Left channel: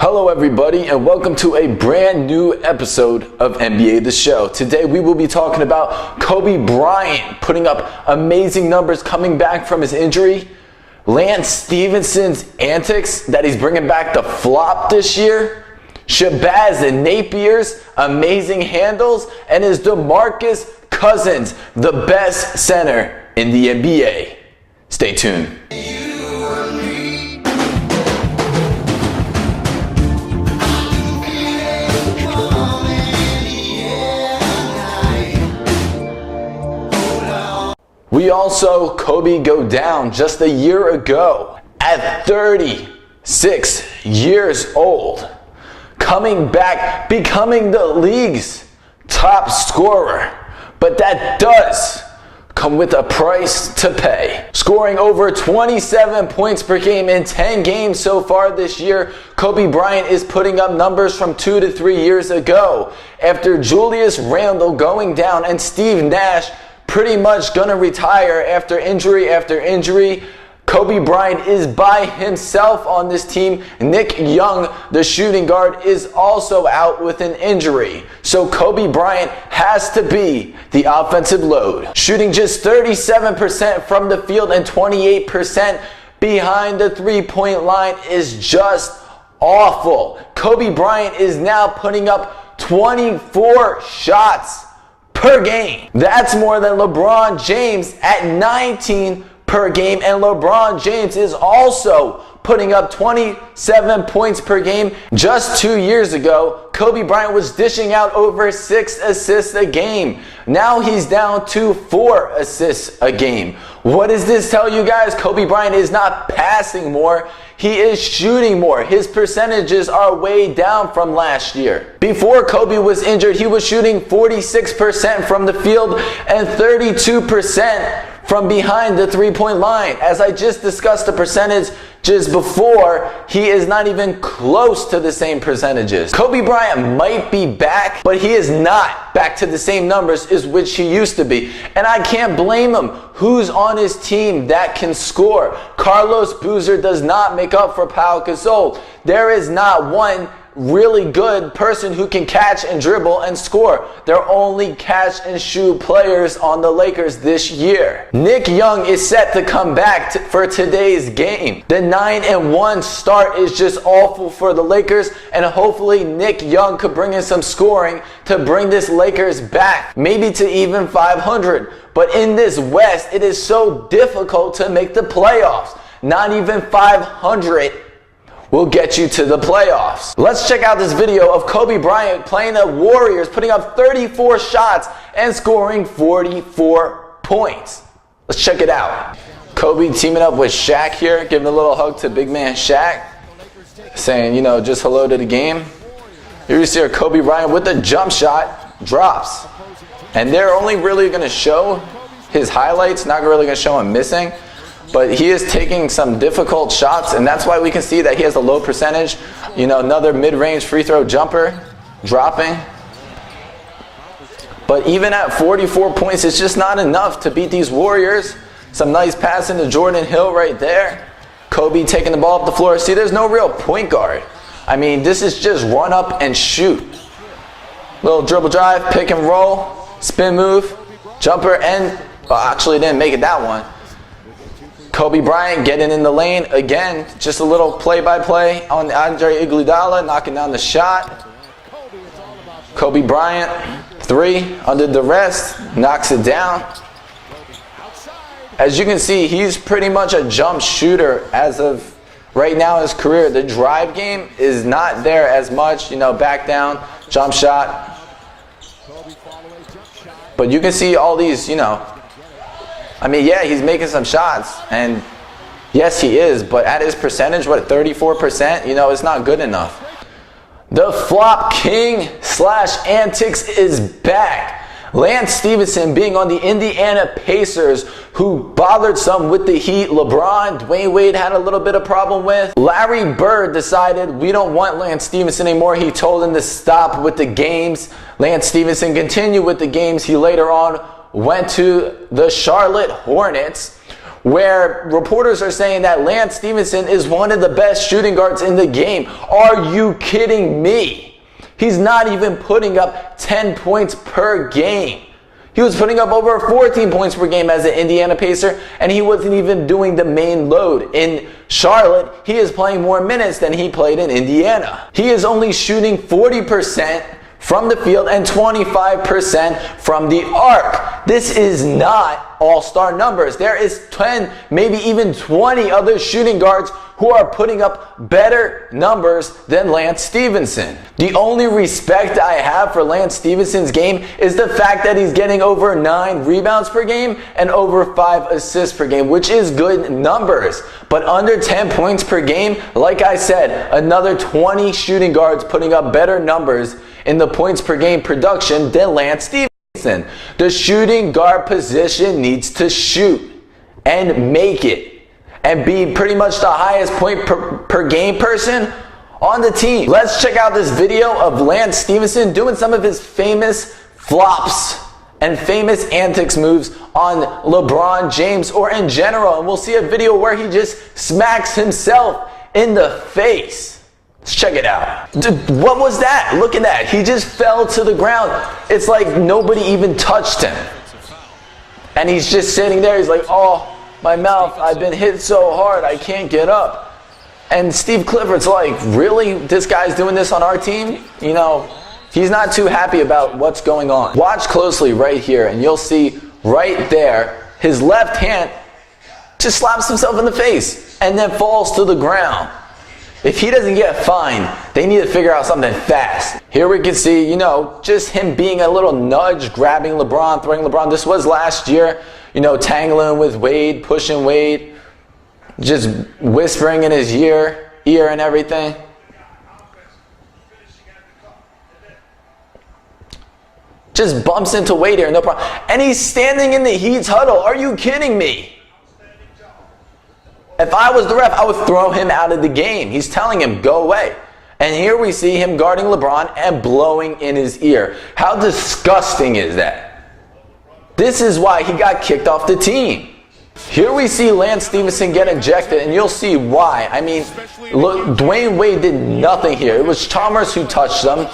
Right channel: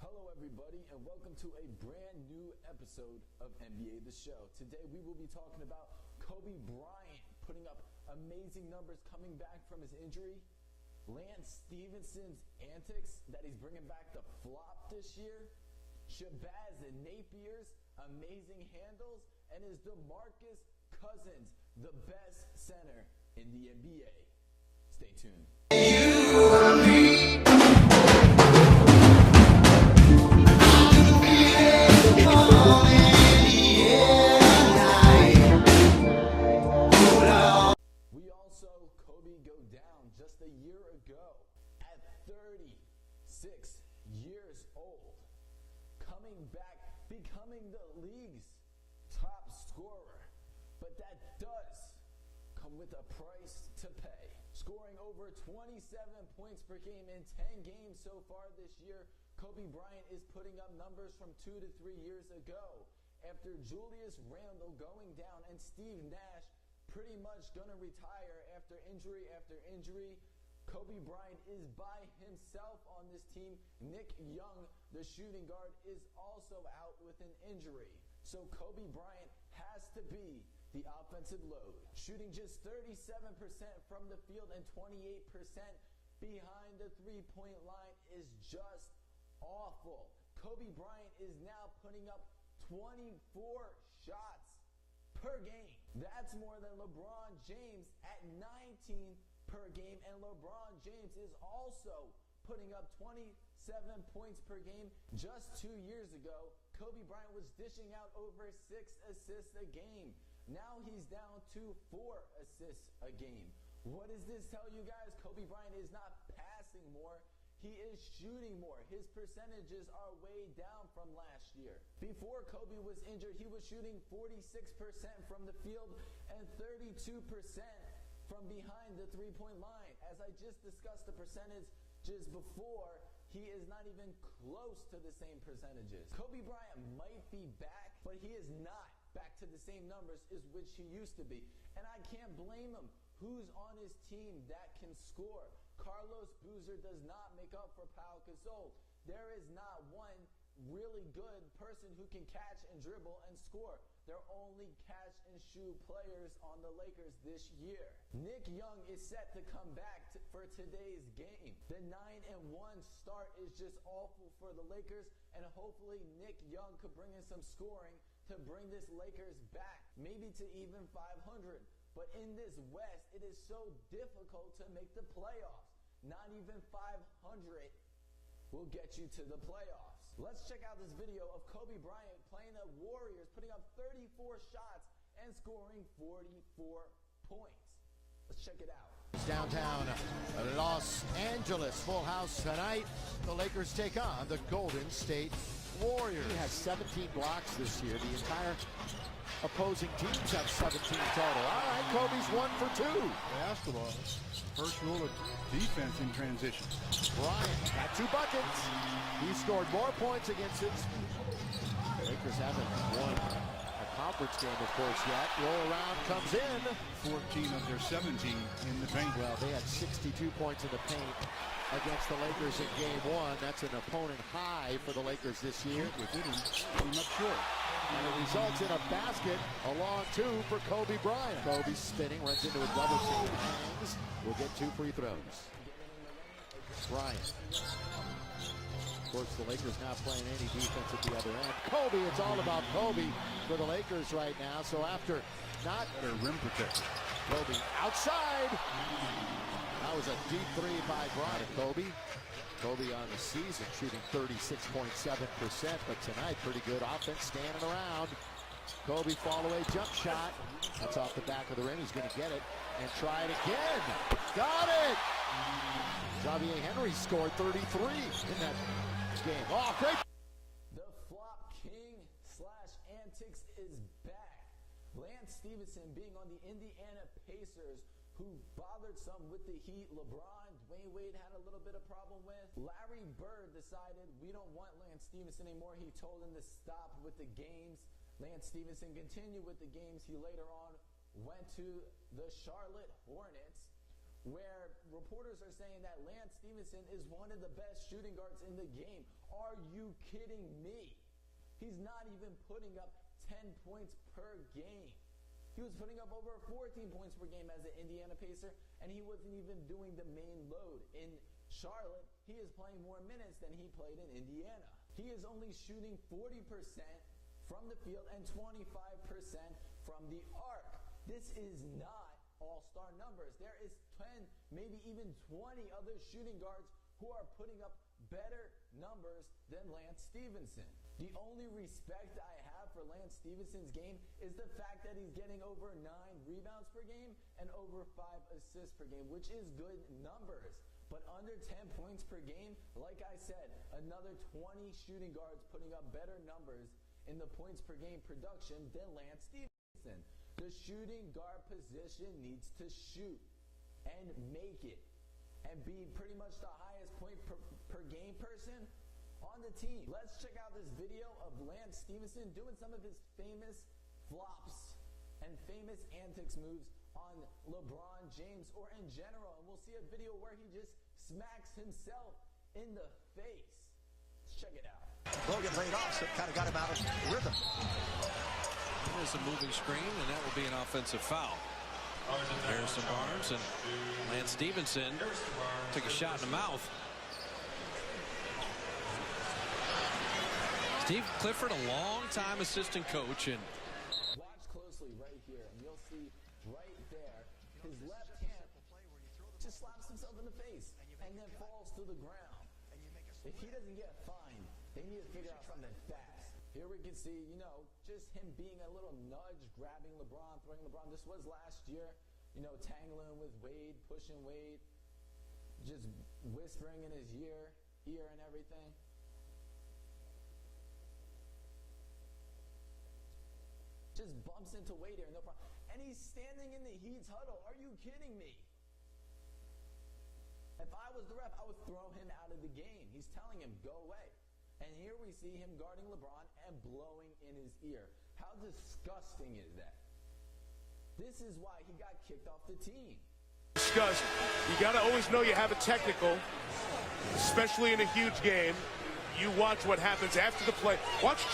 Hello everybody and welcome to a brand new episode of NBA The Show. Today we will be talking about Kobe Bryant putting up amazing numbers coming back from his injury, Lance Stephenson's antics that he's bringing back the flop this year, Shabazz Napier's amazing handles, and his Demarcus Cousins, the best center in the NBA. Stay tuned. We all saw Kobe go down just a year ago at 36 years old, coming back, becoming the league's top scorer. But that does come with a price to pay. Scoring over 27 points per game in 10 games so far this year, Kobe Bryant is putting up numbers from 2 to 3 years ago. After Julius Randle going down and Steve Nash pretty much gonna retire after injury, Kobe Bryant is by himself on this team. Nick Young, the shooting guard, is also out with an injury. So Kobe Bryant has to be the offensive load. Shooting just 37% from the field and 28% behind the three-point line is just awful. Kobe Bryant is now putting up 24 shots per game. That's more than LeBron James at 19 per game, and LeBron James is also putting up 27 points per game. Just 2 years ago, Kobe Bryant was dishing out over 6 assists a game. Now he's down to 4 assists a game. What does this tell you guys? Kobe Bryant is not passing more, he is shooting more. His percentages are way down from last year. Before Kobe was injured, he was shooting 46% from the field and 32% from behind the three-point line. As I just discussed the percentages before, he is not even close to the same percentages. Kobe Bryant might be back, but he is not back to the same numbers as which he used to be. And I can't blame him. Who's on his team that can score? Carlos Boozer does not make up for Pau Gasol. There is not one really good person who can catch and dribble and score. They're only catch and shoot players on the Lakers this year. Nick Young is set to come back for today's game. The 9-1 start is just awful for the Lakers, and hopefully Nick Young could bring in some scoring to bring this Lakers back, maybe to even 500. But in this West, it is so difficult to make the playoffs. Not even 500 will get you to the playoffs. Let's check out this video of Kobe Bryant playing the Warriors, putting up 34 shots and scoring 44 points. Let's check it out. Kobe teaming up with Shaq here, giving a little hug to big man Shaq, saying, you know, just hello to the game. Here you see Kobe Bryant with the jump shot, drops. And they're only really gonna show his highlights, not really gonna show him missing. But he is taking some difficult shots, and that's why we can see that he has a low percentage. You know, another mid-range free throw jumper, dropping. But even at 44 points, it's just not enough to beat these Warriors. Some nice passing to Jordan Hill right there. Kobe taking the ball up the floor. See, there's no real point guard. I mean, this is just run up and shoot. Little dribble drive, pick and roll, spin move, jumper, and actually didn't make it that one. Kobe Bryant getting in the lane again, just a little play-by-play on Andre Iguodala, knocking down the shot. Kobe Bryant, 3 under duress, knocks it down. As you can see, he's pretty much a jump shooter as of right now in his career. The drive game is not there as much, you know, back down, jump shot. But you can see all these, you know, I mean, yeah, he's making some shots, and yes, he is, but at his percentage, what, 34%? You know, it's not good enough. The flop king / antics is back. Lance Stephenson being on the Indiana Pacers, who bothered some with the Heat. LeBron, Dwayne Wade had a little bit of problem with. Larry Bird decided we don't want Lance Stephenson anymore. He told him to stop with the games. Lance Stephenson continued with the games. He later on went to the Charlotte Hornets, where reporters are saying that Lance Stephenson is one of the best shooting guards in the game. Are you kidding me? He's not even putting up 10 points per game. He was putting up over 14 points per game as an Indiana Pacer, and he wasn't even doing the main load. In Charlotte, he is playing more minutes than he played in Indiana. He is only shooting 40% from the field and 25% from the arc. This is not all-star numbers. There is 10, maybe even 20 other shooting guards who are putting up better numbers than Lance Stephenson. The only respect I have for Lance Stephenson's game is the fact that he's getting over 9 rebounds per game and over 5 assists per game, which is good numbers. But under 10 points per game, like I said, another 20 shooting guards putting up better numbers in the points per game production than Lance Stephenson. The shooting guard position needs to shoot and make it and be pretty much the highest point per game person on the team. Let's check out this video of Lance Stephenson doing some of his famous flops and famous antics moves on LeBron James or in general. And we'll see a video where he just smacks himself in the face. Let's check it out. Dude, what was that? Look at that. He just fell to the ground. It's like nobody even touched him. And he's just sitting there. He's like, oh, my mouth, I've been hit so hard, I can't get up. And Steve Clifford's like, really? This guy's doing this on our team? You know, he's not too happy about what's going on. Watch closely right here, and you'll see right there, his left hand just slaps himself in the face and then falls to the ground. If he doesn't get fined, they need to figure out something fast. Here we can see, you know, just him being a little nudge, grabbing LeBron, throwing LeBron. This was last year, you know, tangling with Wade, pushing Wade, just whispering in his ear and everything. Just bumps into Wade here, no problem. And he's standing in the Heat's huddle. Are you kidding me? If I was the ref, I would throw him out of the game. He's telling him, go away. And here we see him guarding LeBron and blowing in his ear. How disgusting is that? This is why he got kicked off the team. Here we see Lance Stephenson get ejected, and you'll see why. I mean, look, Dwayne Wade did nothing here. It was Chalmers who touched him.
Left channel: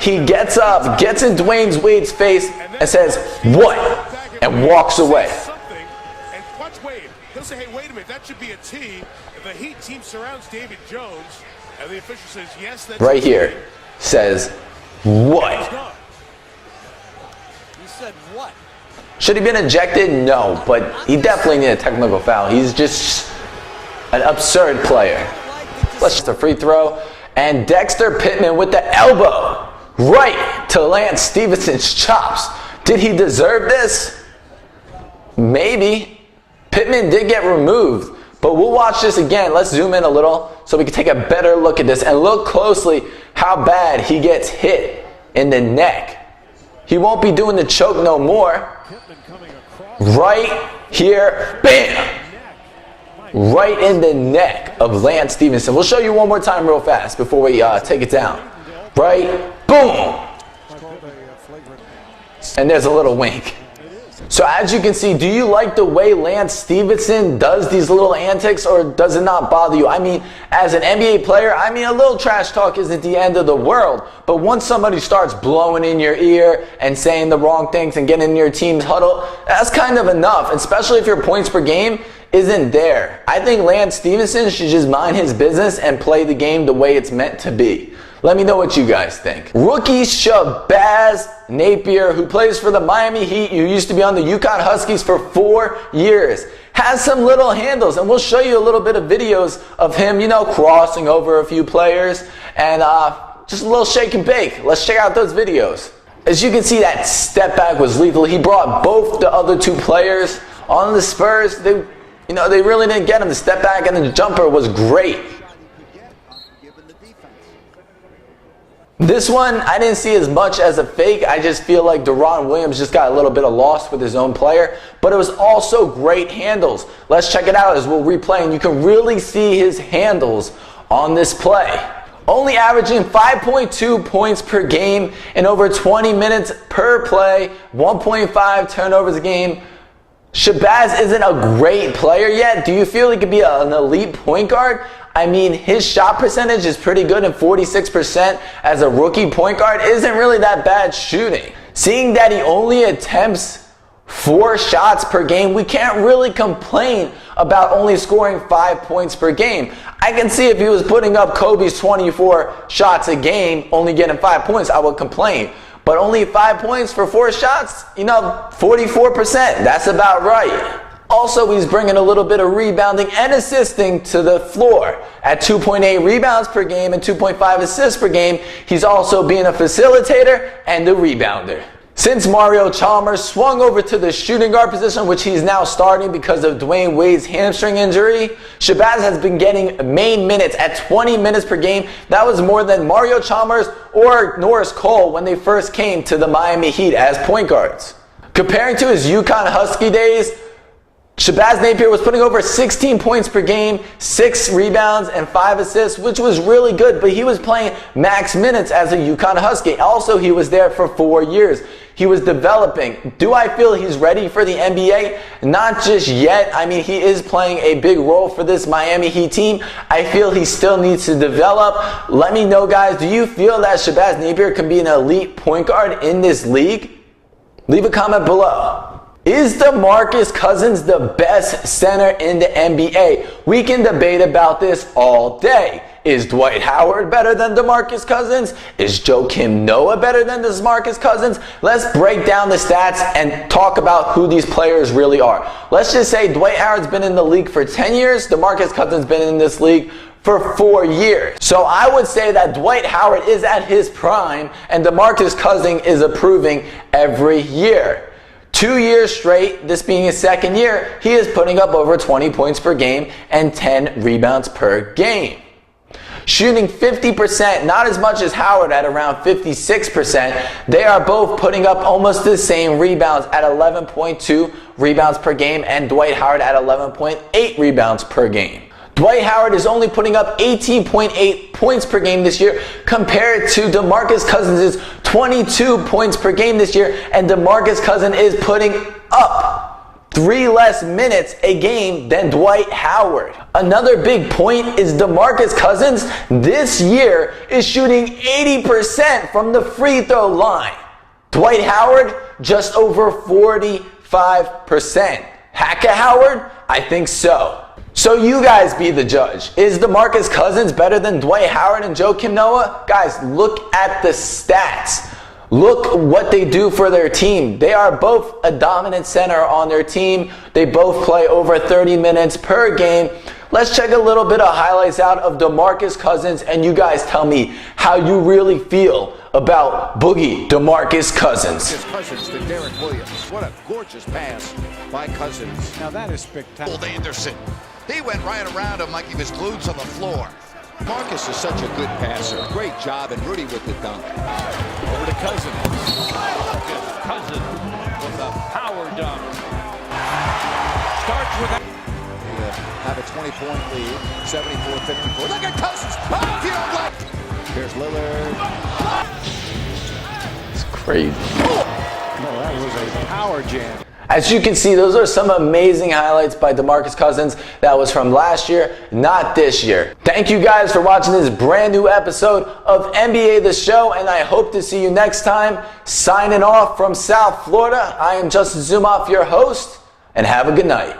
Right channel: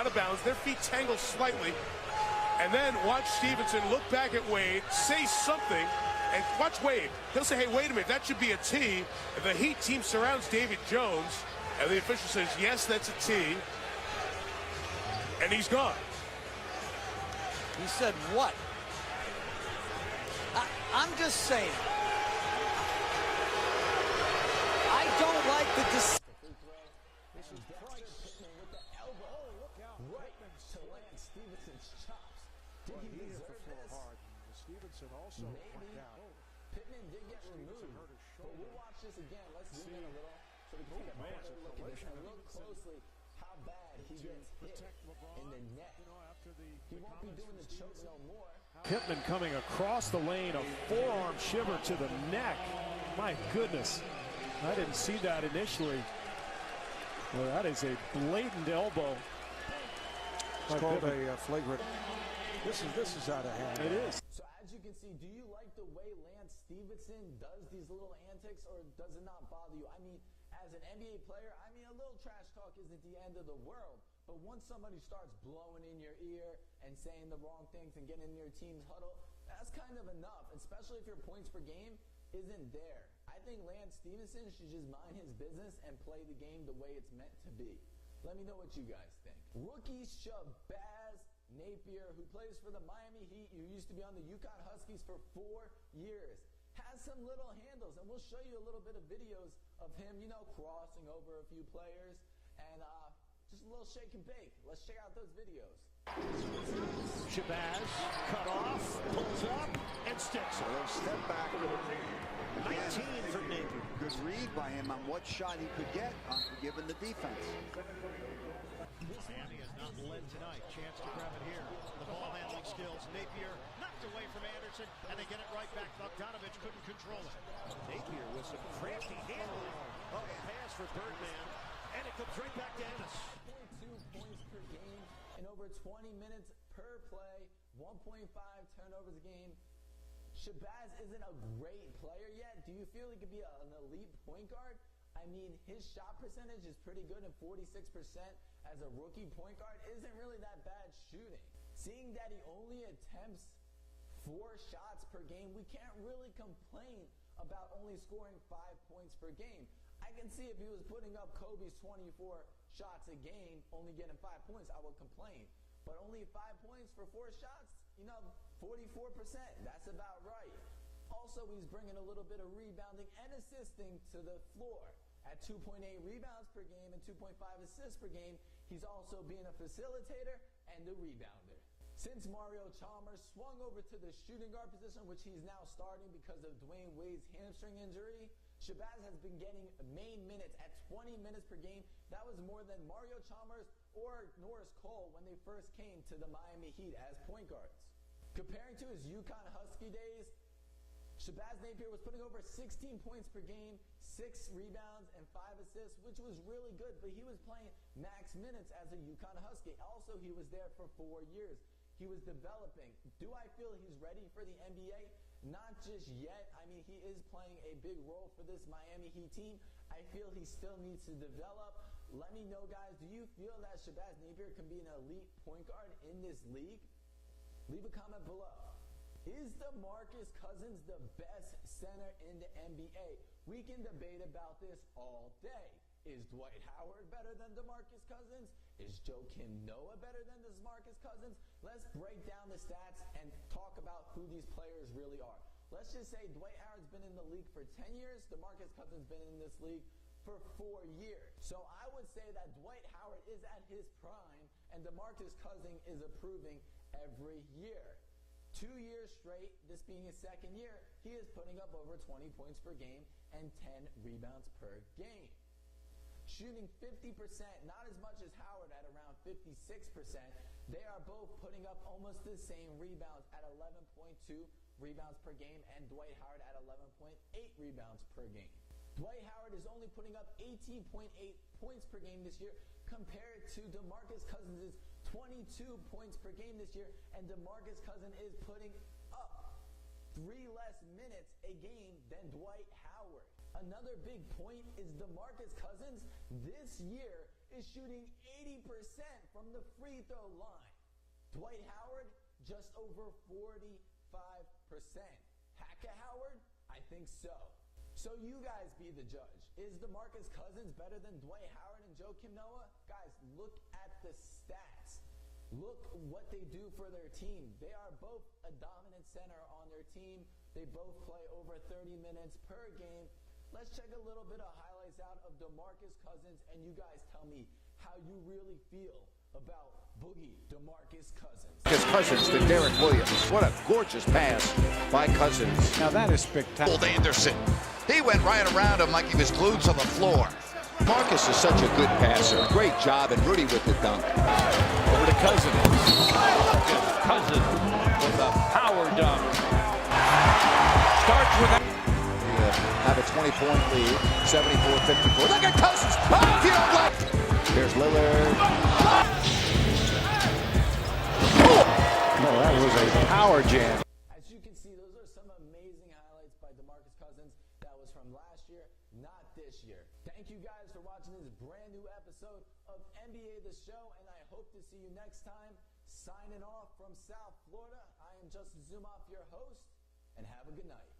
He gets up, gets in Dwayne Wade's face, and says, what? And walks away. And watch Wade. He'll say, hey, wait a minute, that should be a T. The Heat team surrounds David Jones, and the official says, yes, that's right a T. Here says, what? And he's gone. He said what? Should he have been ejected? No, but he definitely needed a technical foul. He's just an absurd player. Let's just a free throw. And Dexter Pittman with the elbow right to Lance Stephenson's chops. Did he deserve this? Maybe. Pittman did get removed, but we'll watch this again. Let's zoom in a little so we can take a better look at this and look closely how bad he gets hit in the neck. He won't be doing the choke no more. Right here, bam! Right in the neck of Lance Stephenson. We'll show you one more time real fast before we take it down. Right, boom! And there's a little wink. So as you can see, do you like the way Lance Stephenson does these little antics, or does it not bother you? I mean, as an NBA player, I mean, a little trash talk isn't the end of the world. But once somebody starts blowing in your ear and saying the wrong things and getting in your team's huddle, that's kind of enough, especially if your points per game isn't there. I think Lance Stephenson should just mind his business and play the game the way it's meant to be. Let me know what you guys think. Rookie Shabazz Napier, who plays for the Miami Heat, who used to be on the UConn Huskies for 4 years, has some little handles, and we'll show you a little bit of videos of him, you know, crossing over a few players, and just a little shake and bake. Let's check out those videos. As you can see, that step back was lethal. He brought both the other 2 players on the Spurs. They really didn't get him. The step back and the jumper was great. This one, I didn't see as much as a fake. I just feel like Deron Williams just got a little bit of lost with his own player. But it was also great handles. Let's check it out as we'll replay. And you can really see his handles on this play. Only averaging 5.2 points per game in over 20 minutes per play. 1.5 turnovers a game. Shabazz isn't a great player yet. Do you feel he could be an elite point guard? I mean, his shot percentage is pretty good, and 46% as a rookie point guard isn't really that bad shooting. Seeing that he only attempts 4 shots per game, we can't really complain about only scoring 5 points per game. I can see if he was putting up Kobe's 24 shots a game, only getting 5 points, I would complain. But only 5 points for 4 shots, 44%, that's about right. Also, he's bringing a little bit of rebounding and assisting to the floor. At 2.8 rebounds per game and 2.5 assists per game, he's also being a facilitator and a rebounder. Since Mario Chalmers swung over to the shooting guard position, which he's now starting because of Dwayne Wade's hamstring injury, Shabazz has been getting main minutes at 20 minutes per game. That was more than Mario Chalmers or Norris Cole when they first came to the Miami Heat as point guards. Comparing to his UConn Husky days, Shabazz Napier was putting over 16 points per game, 6 rebounds, and 5 assists, which was really good, but he was playing max minutes as a UConn Husky. Also, he was there for 4 years. He was developing. Do I feel he's ready for the NBA? Not just yet. I mean, he is playing a big role for this Miami Heat team. I feel he still needs to develop. Let me know, guys, do you feel that Shabazz Napier can be an elite point guard in this league? Leave a comment below. Is Demarcus Cousins the best center in the NBA? We can debate about this all day. Is Dwight Howard better than Demarcus Cousins? Is Joakim Noah better than Demarcus Cousins? Let's break down the stats and talk about who these players really are. Let's just say Dwight Howard's been in the league for 10 years. Demarcus Cousins been in this league for 4 years. So I would say that Dwight Howard is at his prime and Demarcus Cousins is improving every year. 2 years straight, this being his second year, he is putting up over 20 points per game and 10 rebounds per game. Shooting 50%, not as much as Howard at around 56%. They are both putting up almost the same rebounds at 11.2 rebounds per game and Dwight Howard at 11.8 rebounds per game. Dwight Howard is only putting up 18.8 points per game this year compared to Demarcus Cousins' 22 points per game this year, and Demarcus Cousins is putting up 3 less minutes a game than Dwight Howard. Another big point is Demarcus Cousins this year is shooting 80% from the free throw line. Dwight Howard just over 45%. Hacka Howard? I think so. So you guys be the judge. Is Demarcus Cousins better than Dwight Howard and Joakim Noah? Guys, look at the stats. Look what they do for their team. They are both a dominant center on their team. They both play over 30 minutes per game. Let's check a little bit of highlights out of Demarcus Cousins, and you guys tell me how you really feel about Boogie Demarcus Cousins. Cousins to Derek Williams. What a gorgeous pass by Cousins. Now that is spectacular. Old Anderson. He went right around him like he was glued to the floor. Marcus is such a good passer. Great job, and Rudy with the dunk. Over to Cousins. Cousins with a power dunk. Starts with that. Have a 20-point lead, 74-54. Look at Cousins. Oh, if you don't like. Here's Lillard. It's crazy. No, that was a power jam. As you can see, those are some amazing highlights by Demarcus Cousins. That was from last year, not this year. Thank you guys for watching this brand new episode of NBA The Show, and I hope to see you next time. Signing off from South Florida, I am Justin Zumoff, your host, and have a good night.